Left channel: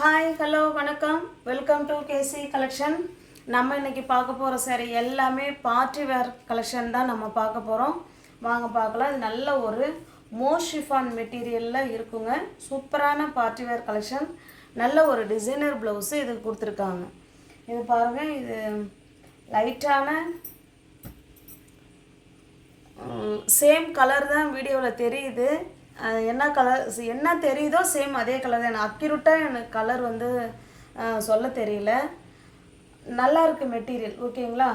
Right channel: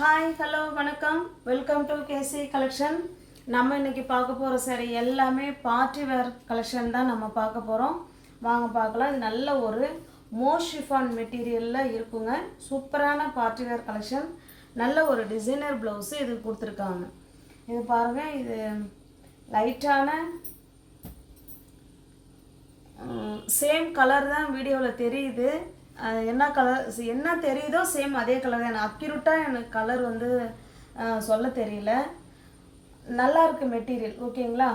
Hi hello வணக்கம், welcome to KC collection. நம்ம இன்றைக்கி பார்க்க போகிற சாரி எல்லாமே பார்ட்டி வேர் கலெக்ஷன் தான் நம்ம பார்க்க போகிறோம். வாங்க பார்க்கலாம். இது நல்ல ஒரு மோஷிஃபான் மெட்டீரியலில் இருக்குங்க. சூப்பரான பார்ட்டி வேர் கலெக்ஷன். நல்ல ஒரு டிசைனர் ப்ளவுஸு இது கொடுத்துருக்காங்க. இது பாருங்கள், இது லைட்டான சேம் கலர் தான் வீடியோவில் தெரியுது. என்ன கலர் என்ன தெரியுதோ சேம் அதே கலர் தான். எனக்கு அக்யூரேட்டாக எனக்கு கலர் வந்து சொல்ல தெரியல. நல்லா இருக்குது மெட்டீரியல். ஓகேங்களா?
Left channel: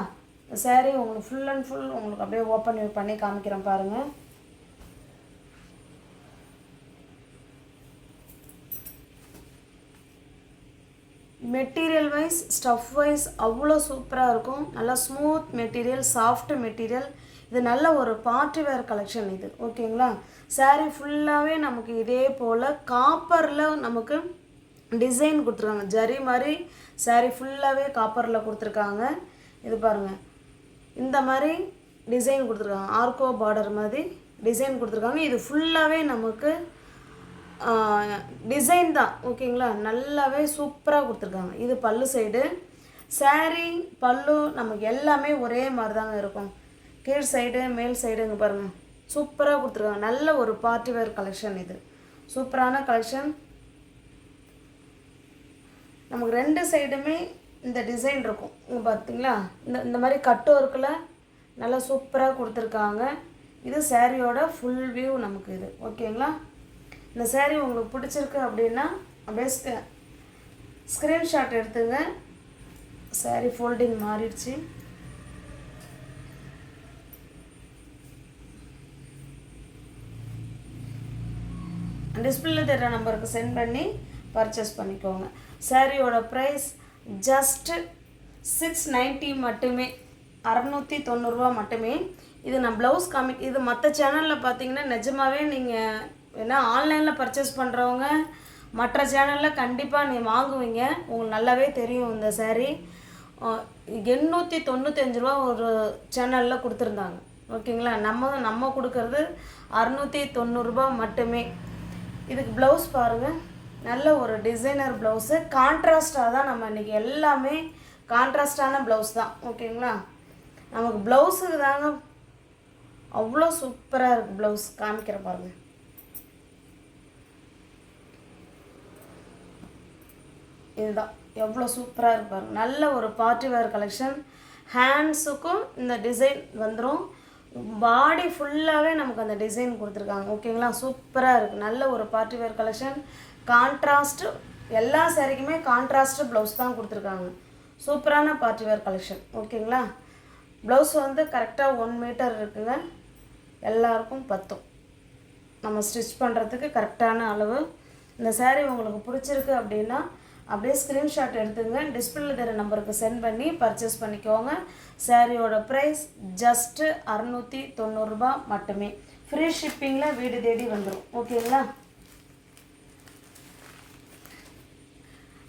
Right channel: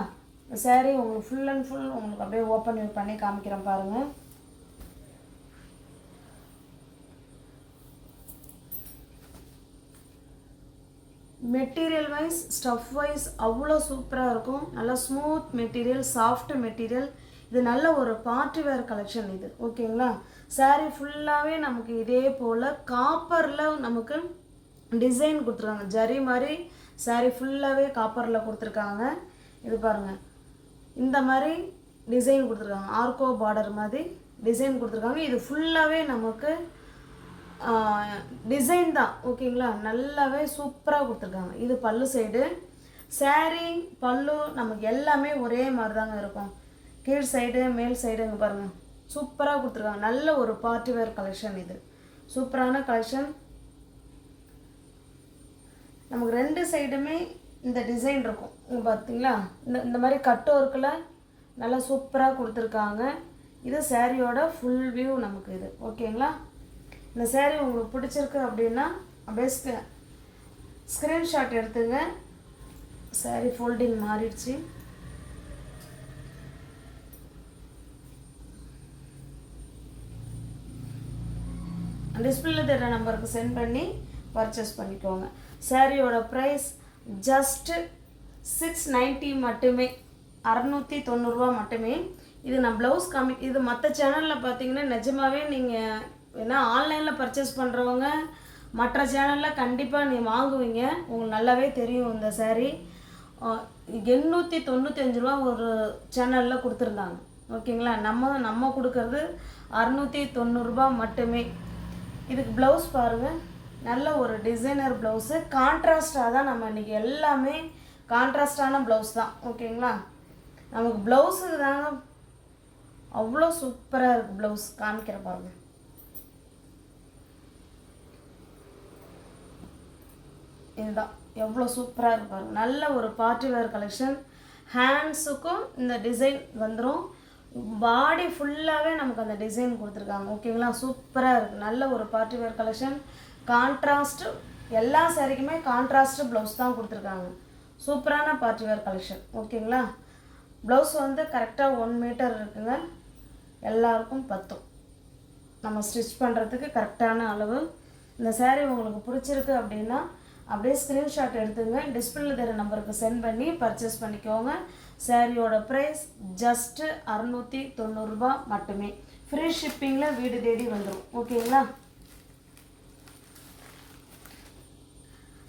சாரீ உங்களுக்கு ஃபுல் அண்ட் ஃபுல் உங்களுக்கு அப்படியே ஓப்பன் பண்ணி காமிக்கிறேன் பாருங்கள். மெட்டீரியல் வைஸ் ஸ்டஃப் வைஸ் அவ்வளோ சூப்பராக இருக்கும். நல்லா ஸ்மூத் மெட்டீரியல், சாஃப்ட் மெட்டீரியல். இது நல்ல ஒரு பார்ட்டி வேர் கலெக்ஷன் இது. ஓகேங்களா? சாரீ ஃபுல்லாகவே நமக்கு இதே போல் காப்பரில் நமக்கு டிசைன் கொடுத்துருக்காங்க. ஜரி மாதிரி சாரீ ஃபுல்லாகவே காப்பரில் கொடுத்துருக்காங்க. இது பாருங்கள், இந்த மாதிரி டிசைன் கொடுத்துருக்காங்க. ஆர்கோ பார்டர் மாதிரி டிசைன் கொடுத்துருக்காங்க. இது ஃபுல்லாகவே நமக்கு டிசைன் தான். ஓகேங்களா? நல்லாவே சூப்பராக கொடுத்துருக்காங்க. இது பல்லு சைடு. சாரீ பல்லு நமக்கு எல்லாமே ஒரே மாதிரி தாங்க இருக்கும். கீழ் சைடு மேல் சைடுங்க பாருங்கள், சூப்பராக கொடுத்துருக்காங்க. நல்ல ஒரு பார்ட்டி வேர் கலெக்ஷன் இது. சூப்பரான கலெக்ஷன். நமக்கு ரெண்டு சைடுமே இந்த டிசைன் இருக்கும். இங்கே பார்த்தீங்களா, இந்த மாதிரி கட் ஒர்க்கில் நல்லா சூப்பராக கொடுத்துருக்காங்க. இது சாரியோட ஃபுல் வியூ நமக்கு இது. ஓகேங்களா? இந்த சாரீ உங்களுக்கு பிடிச்சிருக்கு அப்படின்னா அப்படியே ஸ்க்ரீன்ஷாட் எடுத்துங்க. சாரீ ஃபோல்டிங் மாறிடுச்சு. டிஸ்பிளேல தெரிகிற நம்பருக்கு சென்ட் பண்ணி பர்ச்சேஸ் பண்ணிக்கோங்க. சாரியோட ப்ரைஸ் ஜஸ்ட் 690 மட்டுமே, 690 மட்டுமே. இது நான் ப்ளவுஸ் இது மற்ற சேனலில் பார்த்தீங்கன்னா நிஜமாகவே நீங்கள் ஏன்னா ஆன்லைனில் பர்ச்சேஸ் பண்ணுறவங்க மற்ற சேனலில் கண்டிப்பாக நீங்கள் வாங்குவீங்க. உங்களுக்கு நல்லாவே தெரியும். இந்த சாரீ 895 ஒரு சேனலில் கொடுத்துருந்தாங்க. ஓகேங்களா? நம்ம கொடுக்கறது 690 மட்டுமே. இதுக்கு ப்ளவுஸ் பாருங்கள், நல்ல ஒரு டிசைனர் ப்ளவுஸு. கான்ட்ராஸ்டாக தான் நம்ம இன்றைக்கி எல்லாமே கான்ட்ராஸ்டான ப்ளவுஸ் தான். ஓகேங்களா? நமக்கு ப்ளவுஸுக்கு தாங்க அவ்வளோ சூப்பராக இருக்குது. ப்ளவுஸ் காமிக்கிற பாருங்கள். இதுதான் எவ்வளோ சூப்பராக இருக்கு பாருங்கள். நல்ல ஒரு பார்ட்டி வேர் கலெக்ஷன். ஹேண்ட்ஸுக்கும் இந்த டிசைன் வந்துடும். பாடி ஃபுல்லாகவே நமக்கு அந்த டிசைன் கொடுத்துருக்காங்க. ஓகேங்களா? சூப்பராக இருக்குது. நல்ல ஒரு பார்ட்டி வேர் கலெக்ஷன். கான்ட்ராஸ்ட்டு எல்லா சாரிக்குமே கான்ட்ராஸ்ட்டு ப்ளவுஸ் தான் கொடுத்துருக்காங்க. சூப்பரான பார்ட்டி வேர் கலெக்ஷன். ஓகேங்களா? ப்ளவுஸ் வந்து கரெக்டாக 1 மீட்டர் இருக்குங்க. எல்லாருக்கும் பத்தும். நம்ம ஸ்டிச் பண்ணுறதுக்கு கரெக்டான அளவு. இந்த சாரீ உங்களுக்கு பிடிச்சிருக்கு அப்படின்னா அப்படியே ஸ்க்ரீன்ஷாட் எடுத்துங்க. டிஸ்பிளேல தெரிகிற நம்பருக்கு சென்ட் பண்ணி பர்ச்சேஸ் பண்ணிக்கோங்க. சாரியோட ப்ரைஸ் ஜஸ்ட்டு 690 மட்டுமே. ஃப்ரீ ஷிப்பிங்கில் வீடு தேடி வந்துடும். ஓகேங்களா?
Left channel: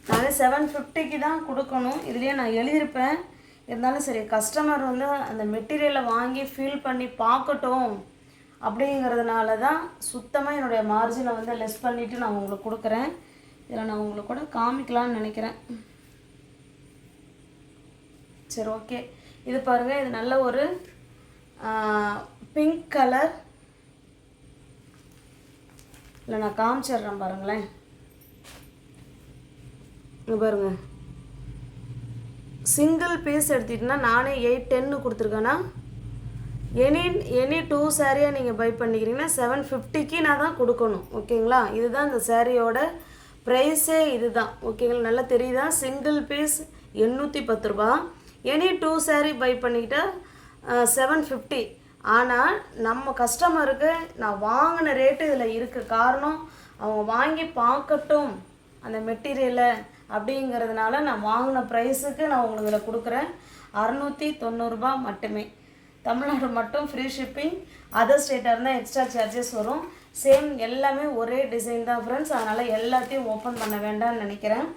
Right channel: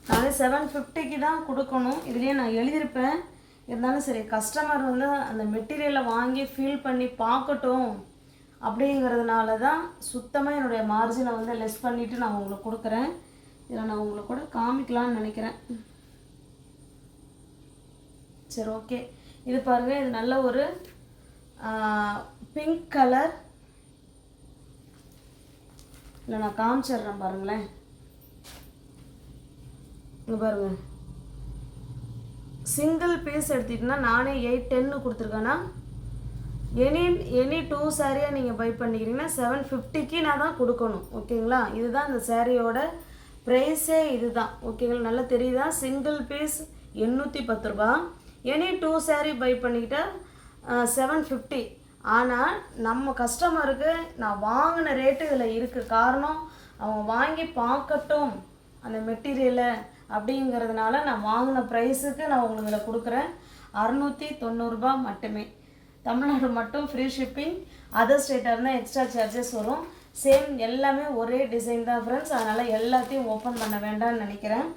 நான் 750 தான் கொடுக்கணும். இதுலேயே நான் எழுதியிருப்பேன். இருந்தாலும் சரி, கஸ்டமர் வந்து அந்த மெட்டீரியலை வாங்கி ஃபீல் பண்ணி பார்க்கட்டும் அப்படிங்கிறதுனால தான் சுத்தமாக என்னுடைய மார்ஜினை வந்து லெஸ் பண்ணிவிட்டு நான் உங்களுக்கு கொடுக்குறேன். இதில் நான் உங்களுக்கு கூட காமிக்கலான்னு நினைக்கிறேன். சரி, ஓகே. இது பாருங்கள், இது நல்ல ஒரு பிங்க் கலர். இல்லை நான் காமிச்சிட்றேன் பாருங்களேன். இது பாருங்கள், சிங்கிள் பீஸ் எடுத்துக்கிட்டோன்னா நானே 810 கொடுத்துருக்கேன்னா எனி 2 சாரியாக நீங்கள் பை பண்ணிக்கிறீங்கன்னா 750க்கு நான் தான் கொடுக்கணும். ஓகேங்களா? இதுதான் இந்த சாரியோட ப்ரைஸே இது தான். ஓகேங்களா? நல்லா தெரியுதா? Single piece 810 any 2 sari buy பண்ணிக்கிட்டால் 750. ஆனால் நம்ம கஸ்டமருக்கு நான் வாங்கின ரேட்டு இதில் இருக்குது. காரணம், அவங்க வாங்கி பார்க்கட்டும் அந்த மெட்டீரியலை அப்படிங்கிறதுனால நான் வாங்கின ப்ரைஸுக்கு நான் உங்களுக்கு இதில் கொடுக்குறேன். 690 மட்டுமே. தமிழ்நாடு மட்டும் ஃப்ரீ ஷிப்பிங். அதர் ஸ்டேட்டாக இருந்தால் எக்ஸ்ட்ரா சார்ஜஸ் வரும். சேம் எல்லாமே ஒரே டிசைன் தான் ஃப்ரெண்ட்ஸ். அதனால் எல்லாத்தையும் ஓப்பன் பண்ண வேண்டாம்னு நினைக்கிறேன்.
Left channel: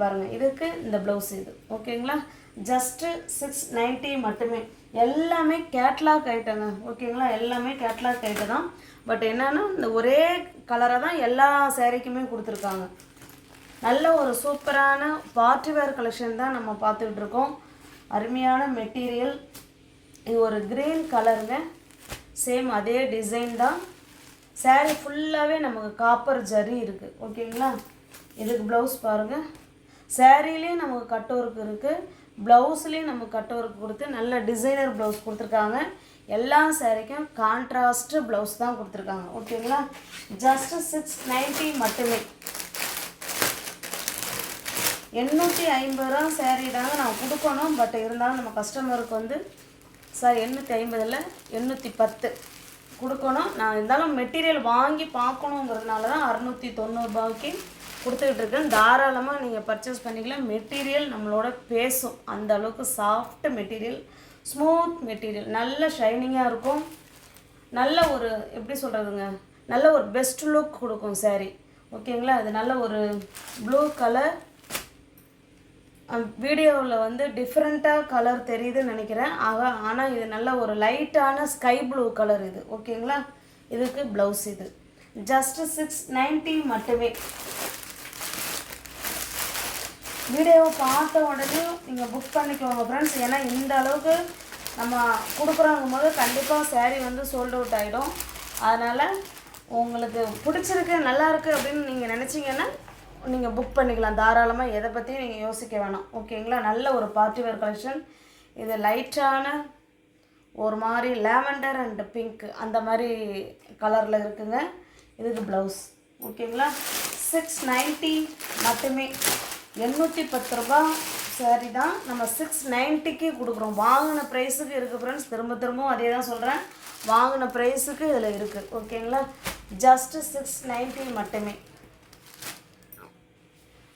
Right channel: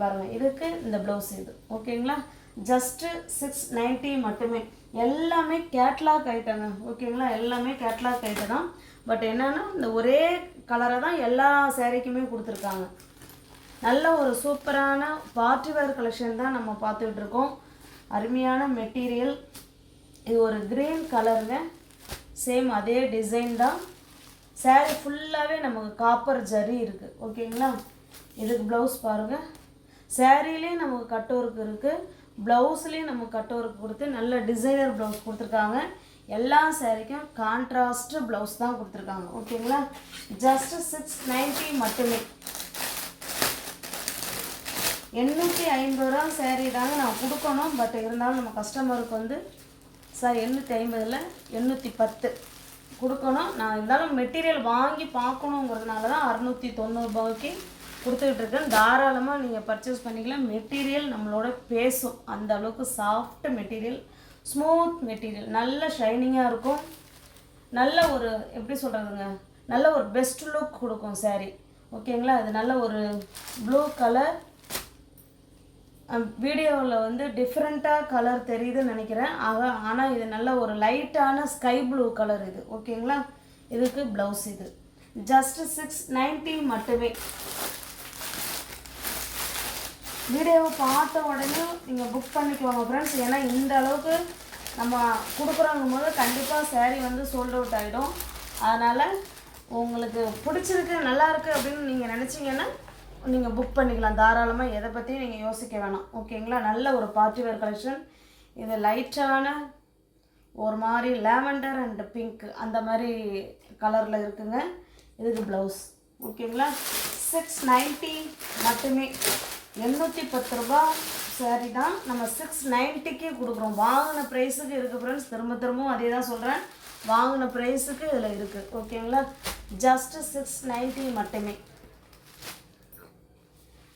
பாருங்கள், இதுக்கு இந்த ப்ளவுஸ் இது. ஓகேங்களா? ஜஸ்ட்டு 690 மட்டுமே. எல்லாமே கேட்லாக் ஐட்டங்க. ஓகேங்களா? எல்லாமே கேட்லாக் ஐட்டம் தான். பட் என்னென்னா இந்த ஒரே கலரை தான் எல்லா சாரீக்குமே கொடுத்துருக்காங்க. நல்ல ஒரு சூப்பரான பார்ட்டி வேர் கலெக்ஷன் தான் நம்ம பார்த்துக்கிட்டு இருக்கோம். அருமையான மெட்டீரியல். இது ஒரு க்ரீன் கலருங்க. சேம் அதே டிசைன் தான். சாரீ ஃபுல்லாகவே நமக்கு காப்பர் ஜரி இருக்குது. ஓகேங்களா. இதுக்கு ப்ளவுஸ் பாருங்கள். சாரீலேயும் நமக்கு கட் ஒர்க் இருக்குது, ப்ளவுஸ்லேயும் நமக்கு கட் ஒர்க் கொடுத்து நல்ல டிசைனர் ப்ளவுஸ் கொடுத்துருக்காங்க. எல்லா சாரீக்கும் கான்ட்ராஸ்ட் ப்ளவுஸ் தான் கொடுத்துருக்காங்க. ஓகேங்களா. ஜஸ்ட் 690 மட்டுமே. 850 சாரீ தாங்க நான் கொடுக்கணும். பட் இருந்தாலும் நம்ம கஸ்டமருக்கு வந்து சார் 850 இல்லை 810 கொடுக்கணும். நான் இருந்தாலும் மெட்டீரியல் வாங்கி பார்க்கணுங்கிறதுனால தான் 690 ரூபாய்க்கு கொடுத்துக்கிட்டு இருக்கேன். தாராளமாக நீங்கள் பர்ச்சேஸ் பண்ணிக்கலாம். மெட்டீரியல் நம்மளோட பேசும். அந்த அளவுக்கு சாஃப்ட் மெட்டீரியல், ஸ்மூத் மெட்டீரியல், நல்ல ஷைனிங்காக இருக்கும். நல்ல ஒரு எப்படி சொல்கிறதுங்க, நல்ல ஒரு பெஸ்ட் லுக் கொடுக்கும் சாரீ. ஓகேங்களா. அது நல்ல ஒரு ப்ளூ கலர். வீடியோவில் வந்து டிஃப்ரெண்ட்டாக கலர் தெரியுதுன்னு நினைக்கிறேன். ஆனால் இது நல்ல ஒரு லைட்டான ஸ்கை ப்ளூ கலர் இது. ஓகேங்களா. இதுக்கு ப்ளவுஸ் இது ஜஸ்ட் 690 மட்டுமே. வீடியோவை பார்த்த உடனே நீங்கள் புக் பண்ணிக்கோங்க ஃப்ரெண்ட்ஸ். ஏன்னா இந்த அளவுக்கு நம்ம கொடுக்குறோங்கும் போது கண்டிப்பாக சாரீ வந்து சோல்ட் அவுட் ஆகிடும். அதனால் உங்களுக்கு பிடிச்சிருக்கு, நல்லாயிருக்கு அப்படின்னு நீங்கள் நினச்சிங்கன்னா நீங்கள் புக் பண்ணிக்கலாம். தாராளமாக எதை பற்றியும் நீங்கள் யோசிக்க வேணாம். ஓகேங்களா. நல்ல ஒரு பார்ட்டி வேர் கலெக்ஷன். இது லைட்டான ஒரு மாதிரி லாவெண்டர் அண்ட் பிங்க் அந்த மாதிரி கலரில் இருக்குங்க. இதுக்கு ப்ளவுஸ். ஓகேங்களா. 690 மட்டுமே. 810 ரூபா சாரி தான் நம்ம 690க்கு கொடுக்குறோம். வாங்கின ப்ரைஸுக்கு இருக்குது ஃப்ரெண்ட்ஸ். திரும்பவும் அதே தான் சொல்கிறேன். வாங்கின ப்ரைஸுக்கு இதில் இருக்குது. ஓகேங்களா. ஜஸ்ட் 690 மட்டுமே.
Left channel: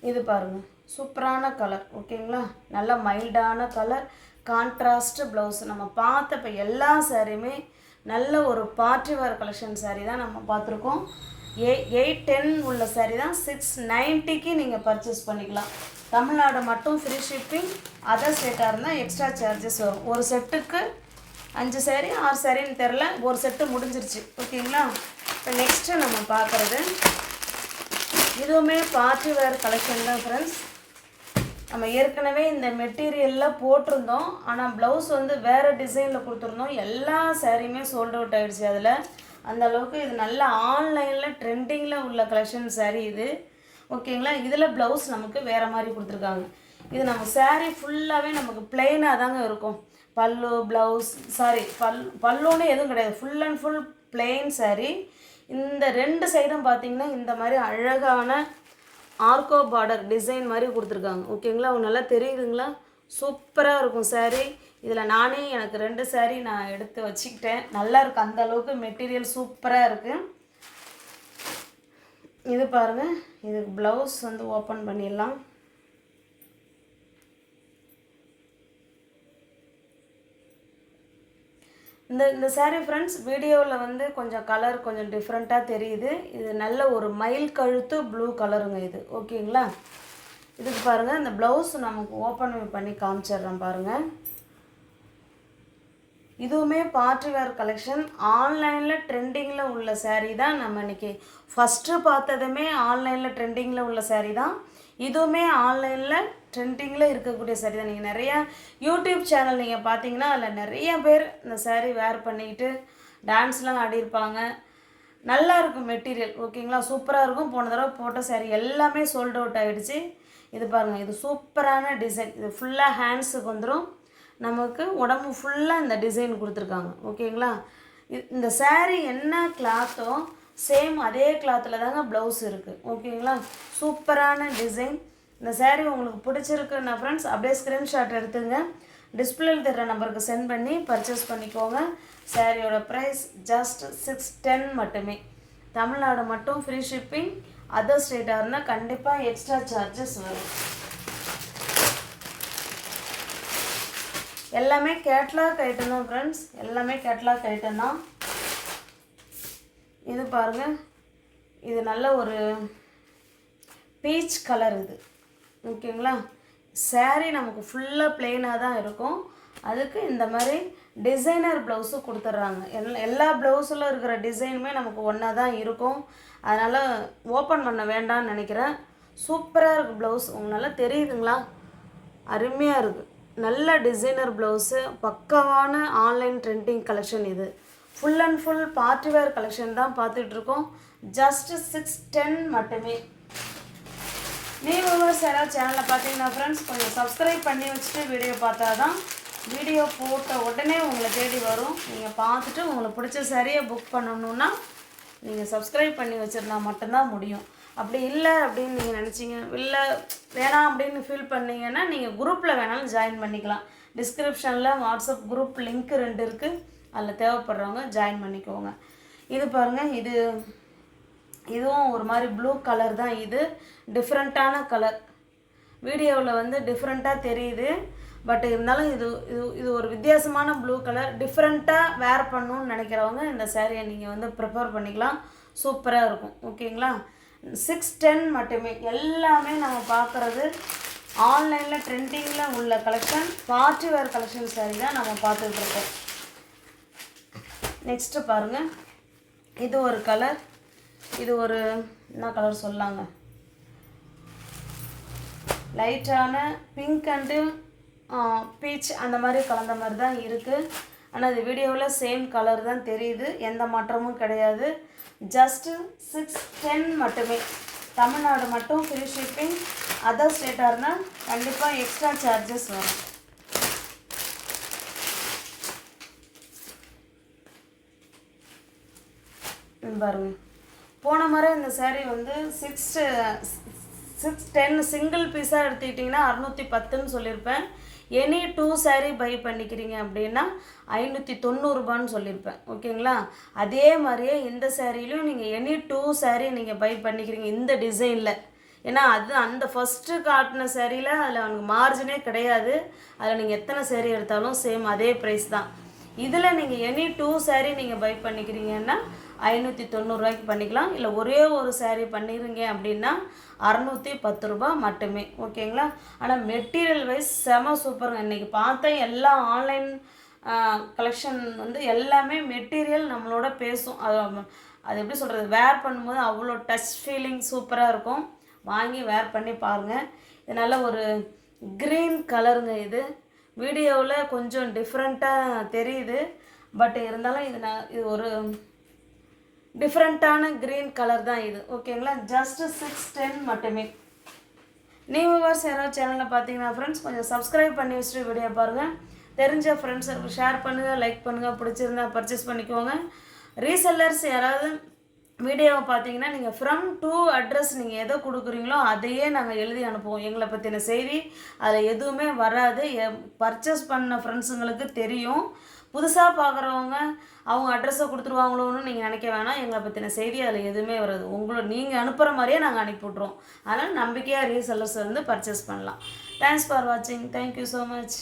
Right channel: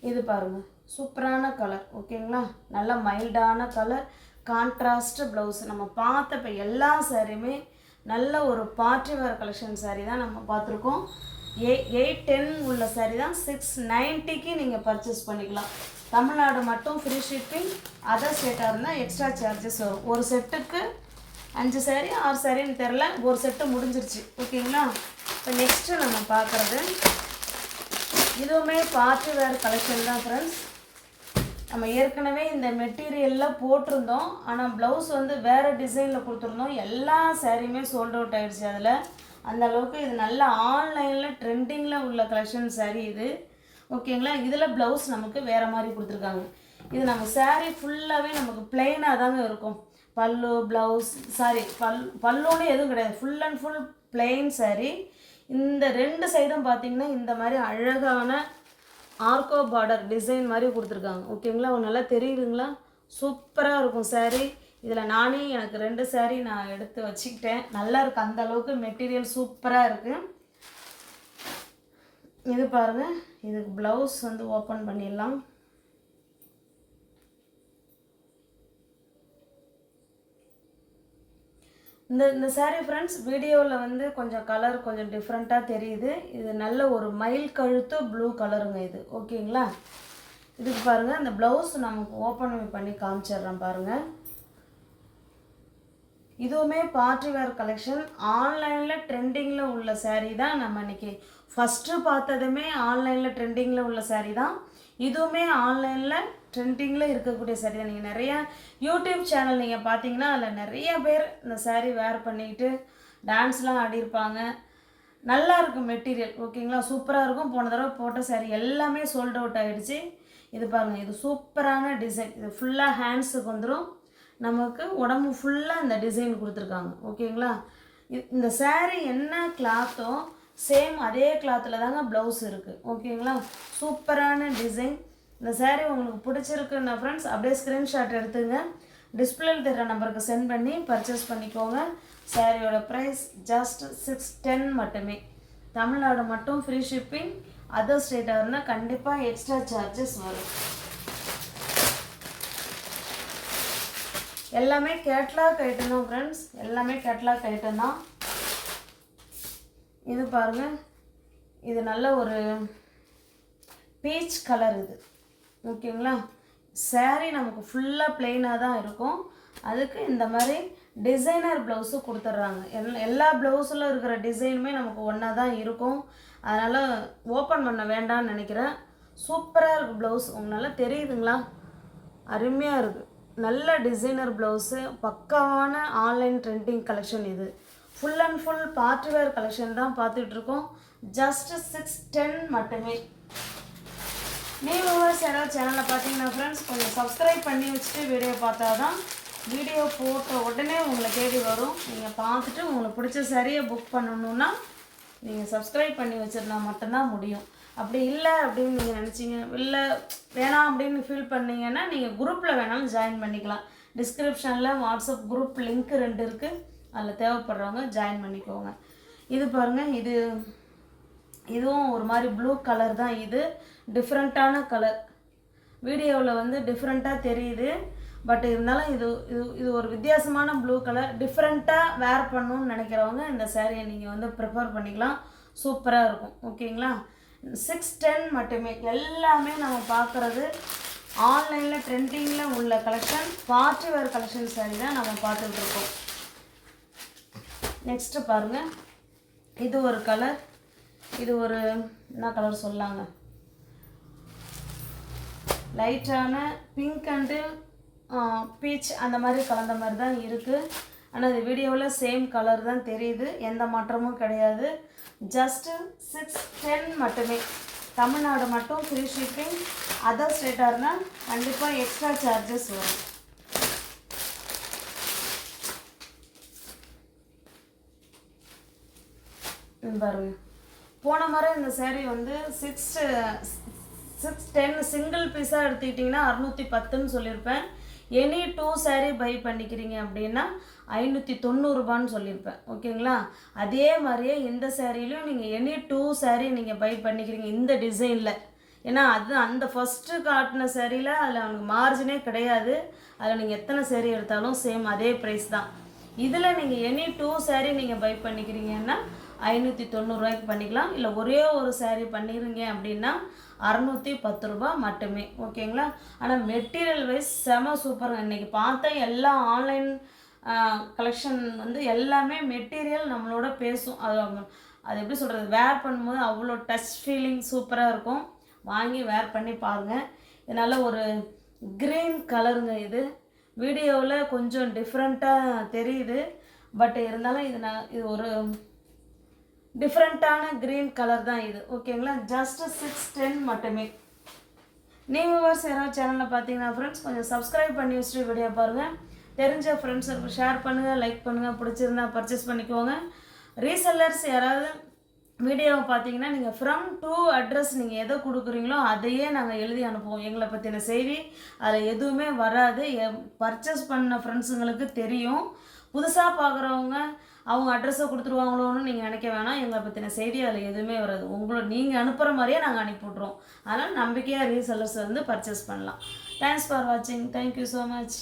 இது பாருங்கள், சூப்பரான கலர். ஓகேங்களா. நல்ல மைல்டான கலர், கான்ட்ராஸ்ட் ப்ளவுஸ். நம்ம பார்த்த இப்போ எல்லா சாரியுமே நல்ல ஒரு பார்ட்டி வேர் கலெக்ஷன் சாரீ தான் நம்ம பார்த்துருக்கோம். 810 உள்ள சாரீ தான் 690க்கு நீங்கள் பர்ச்சேஸ் பண்ணிக்கலாம். தமிழ்நாடு மட்டும் ஃப்ரீ ஷிப்பிங். அதர் ஸ்டேட்டாக இருந்தால் எக்ஸ்ட்ரா சார்ஜஸ் வரும். ஒரு செட்டுக்கு 5 சாரீ 6 சாரின்னு தெரில, ஒரு செட்டு முடிஞ்சிருச்சு. ஓகேங்களா. இப்போ நெக்ஸ்ட்டு நம்ம பார்க்குறது இதுவுமே பார்ட்டி வேர் கலெக்ஷன் தான் ஃப்ரெண்ட்ஸ். நம்ம ஏற்கனவே இந்த மெட்டீரியலில் போட்டிருந்தோம். ஆனால் ப்ளவுஸ் வந்து வேறு டிசைனில் கொடுத்துருந்தோம். எல்லா சாரியுமே சோல்ட் அவுட் ஆகிடுச்சு. அதில் அந்த அளவுக்கு இது நல்ல ஆன்லைனில் ட்ரெண்டிங்கில் உள்ள கலெக்ஷன் சாரீ இது. ஓகேங்களா. இதில் ப்ளவுஸ் நமக்கு வேறு மாதிரி கொடுத்துருக்காங்க. இது நம்ம சாரீ ஃபுல்லாகவே நமக்கு பிளெயினாக தாங்க இருக்கும். பல்லு ப்ளவுஸ் பல்லுன்னு எதுவும் கிடையாது. Full and full plain sari. இந்த 2 சைடும் பார்த்திங்கன்னா இந்த மாதிரி அழகான ஆர்கோ பார்டர் டிசைன் மாதிரி கொடுத்துருக்காங்க. ஓகேங்களா. நல்லா தெரியுதுங்களா. சூப்பராக இருக்கும் சாரீ. இதில் நானே எனக்கு 2 சாரீ நான் எடுத்து வச்சுக்கிட்டேன். நல்லா இருக்குது. அந்த அளவுக்கு மெட்டீரியல் சூப்பராக இருக்குது. இது பாருங்கள். இதுக்கு ப்ளவுஸ் வந்து ஓப்பன் பண்ணிடலாம். இந்த சாரீ ஃப்ரெண்ட்ஸ் வீடியோவில் வந்து கொஞ்சம் கலர் கொஞ்சம் டிஃப்ரெண்ட்டாக தெரியுது. இது நல்ல ஒரு மயில் கழுத்து ப்ளூ கலருங்க இது. ஓகேங்களா. இதுக்கு பாருங்கள், இந்த ப்ளவுஸ் நமக்கு ஓப்பன் பண்ணி காமிச்சிடுறேன் பாருங்கள். இதுவுமே பார்ட்டி வேர் கலெக்ஷன். ஆன்லைனில் ட்ரெண்டிங்கில் உள்ள சாரீ தான். நம்ம இன்றைக்கி ஃபஸ்ட்டு பார்த்ததுமே ஆன்லைனில் ட்ரெண்டிங்கில் உள்ள சாரீ தான். இதுவுமே ஆன்லைனில் ட்ரெண்டிங்கில் இருக்கக்கூடிய சாரீ தான். நீங்கள் நிறையா யூடியூப் சேனல் நீங்கள் பார்த்தீங்கன்னா அதில் நிறைய பேர் இந்த சாரீ வேர் பண்ணிக்கிட்டு டான்ஸ்லாம் ஆடியிருப்பாங்க. நல்லா இருக்கும் மெட்டீரியல். ஓகேங்களா. சூப்பராக இருக்கும். போன தடவை போட்ட சாரீ எல்லாமே சோல்ட் அவுட் ஆகிடுச்சு. இது பாருங்கள், இது சூப்பரான டிசைன். இது ஃபுல்லாக ஹேண்ட்ஸுக்கு வந்துடும். நமக்கு உடம்பு ஃபுல்லாக இந்த டிசைன் கொடுத்துருக்காங்க. ஓகேங்களா. இந்த சாரீ என்ன கிளாத்தோ சேம் அதே கிளாத்தில் தாங்க ப்ளவுஸ் இருக்குது. ஓகேங்களா. சூப்பரான டிசைன். இந்த சாரீ உங்களுக்கு பிடிச்சிருக்குன்னா ஃப்ரெண்ட்ஸ் அப்படியே ஸ்க்ரீன்ஷாட் எடுத்துங்க. டிஸ்பிளேல தர நம்பருக்கு சென்ட் பண்ணி பர்ச்சேஸ் பண்ணிக்கோங்க. சாரியோட ப்ரைஸ் ஜஸ்ட் 610 மட்டுமே. தமிழ்நாடு மட்டும் ஃப்ரீ ஷிப்பிங். அதர் ஸ்டேட்டாக இருந்தால் கண்டிப்பாக எக்ஸ்ட்ரா சார்ஜஸ் வரும். எல்லாமே கேட்லாக் ஐட்டம் தான் ஃப்ரெண்ட்ஸ். எல்லாமே கேட்லாக் ஐட்டம் தான். இது பாருங்கள், இது நல்ல ஒரு பீச் கலர் இது. ஓகேங்களா. சாரீ நமக்கு ஃபுல்லாக பிளெயினாக தான் இருக்கும். அதுக்கு இந்த மாதிரி டிசைனர் ப்ளவுஸு கொடுத்துட்றாங்க. எல்லா ப்ளவுஸில் இருக்கிற டிசைனுமே நமக்கு ஒன்றா தான் இருக்கும். அதனால் ஓப்பன் பண்ண வேண்டாம்னு நினைக்கிறேன். சூப்பராக இருக்குது ப்ளவுஸ். உங்களால் தெரியுதுங்களா? அருமையாக இருக்குது. நல்ல டிசைனர் ப்ளவுஸு, பக்காவான ஆன்லைன் ட்ரெண்டிங் கலெக்ஷன் இது. Full and full party wear collection தான் பார்த்துட்ருக்கோம். ஜஸ்ட் 610 மட்டுமே. நீங்கள் சேனலில் பார்த்தீங்கன்னா ஃப்ரெண்ட்ஸ் கொஞ்சம் சப்ஸ்கிரைப் பண்ணி வச்சுட்டு வீடியோ பார்த்தா தான் வீடியோ போட்ட உடனே உங்களை தேடி வரும். நீங்கள் பார்த்துட்டு உங்களுக்கு பிடிச்ச சரியை புக் பண்ணணுன்னா நீங்கள் சப்ஸ்கிரைப் பண்ணி வச்சுருந்தா மட்டும்தான் முடியும். அப்படி இல்லை அப்படின்னு நீங்கள் நினச்சிங்க, இல்லை வேணாம் அப்படின்னு ஃபீல் பண்ணிங்கன்னா நீங்கள் குரூப்பில் வேணாலும் ஜாயின் பண்ணிக்கலாம். டிஸ்கிரிப்ஷனில் வாட்ஸ்அப் குரூப் லிங்க் 2 இருக்குது. அதில் தேவைப்படுறவங்க ஜாயின் பண்ணிக்கோங்க. இது பாருங்கள், இதுவும் ஒரு மாதிரி ப்ளூ கலர் தான். இது டிஃப்ரெண்ட்டான கலர். வீடியோவில் வந்து டிஃப்ரெண்ட்டாக தெரியுது, பட் இருந்தாலும் இது ஒரு வித்தியாசமான ப்ளூ கலர். டிஃப்ரெண்ட்டாக வேர் பண்ணணும்னு நினைக்கிறவங்க இந்த சேரீயை நீங்கள் வந்து ப்ரிஃபர் பண்ணிக்கலாம். சூப்பராக இருக்கும். ஓகேங்களா? 610 மட்டுமே. எல்லாமே நம்ம பார்க்குறது ஆன்லைனில் ட்ரெண்டிங்கில் உள்ள collection, party wear collection sorry தான் நம்ம பார்த்துட்ருக்கோம். நெக்ஸ்ட்டு பாருங்கள், இது ஒரு கலர். இது ஒரு என்ன கலர் சொல்லாங்க, லைட்டான பிங்க் அண்டு பீச் அந்த மாதிரி கலந்த மாதிரி தான் இருக்குது. ஆனால் இது வீடியோவில் சேம் கலர் தான் தெரியுது, எந்த மாற்றமும் கிடையாது. ஜஸ்ட்டு 610 மட்டுமே. தமிழ்நாடு மட்டும் ஃப்ரீ ஷிப்பிங். அதர் ஸ்டேட்டாக இருந்தால் கண்டிப்பாக எக்ஸ்ட்ரா சார்ஜஸ் வரும். பாருங்க, போன முறை இந்த சேரீ வந்து 610 சிங்கிள் பீஸாக எடுத்துக்கிட்டிங்கன்னா 610ன்னு சொல்லியிருப்பேன். எனி 2 சாரீ பை பண்ணிக்கிறீங்க அப்படின்னா 590 ரூபான்னு சொல்லியிருப்பேன். ஓகேங்களா? அதே மாதிரியே இந்த சேரீலையும் நீங்கள் எனி 2 சாரீ நீங்கள் பை பண்ணிக்கிறீங்க இந்த டிசைனில். ஏன்னா அது அந்த ஃபஸ்ட்டு காட்டின சேரீயில் அதில் அவனுக்கு மார்ஜினே கிடையாது. அதில் நீங்கள் எத்தனை சேரீ எடுத்தாலும் சேம் அதே ப்ரைஸ் தான். இதில் நீங்கள் எனி 2 சாரீ நீங்கள் பை பண்ணிக்கிறீங்கன்னா 590 ரூபாய்க்கு பண்ணிக்கலாம். இல்லை ஒரே ஒரு சாரீ பண்ணிடுங்க அப்படின்னா 610 ரூபா மட்டுமே. ஓகேங்களா? ஆனால் மெட்டீரியல் வைஸ் செம சூப்பருங்க. இன்றைக்கி பார்த்த எல்லா ஆன்லைன் கலெக்ஷன் வந்து எல்லாமே மெட்டீரியல் நம்மளோட பேசும். அது எப்படி சொல்கிறது, வேர் பண்ணும்போது அவ்வளோ டச் ஃபீலிங் சூப்பராக இருக்கும். வாங்கி வேர் பண்ணி பாருங்கள். இது நல்ல ஒரு க்ரீன் கலருங்க. இது வீடியோவில் கொஞ்சம் டிஃப்ரெண்ட்டாக தெரியுது, பட் இருந்தாலும் இது ஒரு டிஃப்ரெண்ட்டான க்ரீன் கலர் தான் இது. ஓகேங்களா? ஜஸ்ட்டு 610 மட்டுமே. நீங்கள் யாராவது சேனலில் பார்த்தீங்கன்னா ஃப்ரெண்ட்ஸ் கொஞ்சம் சப்ஸ்கிரைப் பண்ணி வச்சுட்டு வீடியோ பாருங்கள். தெரிஞ்ச ஃப்ரெண்ட்ஸுக்கு ஷேர் பண்ணுங்கள், லைக் பண்ணுங்கள், பிடிச்சிருந்தா பர்ச்சேஸ் பண்ணிக்கோங்க. ரீசெல்லர்ஸ் யாராவது வீடியோவை பார்த்தீங்கன்னா நீங்கள் ஃப்ரம் டு அட்ரஸ் நீங்கள் எதை கொடுக்குறீங்களோ அதையே நாங்கள் எழுதி அனுப்புவோம். எங்களை பற்றின செய்தி அதில் எதுவுமே வராது. பர்ச்சேஸ் பண்ண ஃப்ரெண்ட்ஸுங்களுக்கு தெரியும். புதுசாக பார்க்குறவங்க அவங்க அட்ரஸை கொடுத்துருவாங்களோன்னு நீங்கள் நினைக்க வேணாம். எங்களை பற்றின செய்தி அதில் எதுவுமே வராது. நீங்கள் அனுப்புகிற மாதிரியே நாங்கள் அனுப்பிவிட்றோம். அதனால் நம்பிக்கையாக ரீசெல்லர்ஸ் வந்து பர்ச்சேஸ் பண்ணலாம். தேங்க்ஸ் ஃபார் வாட்சிங். Thank you so much.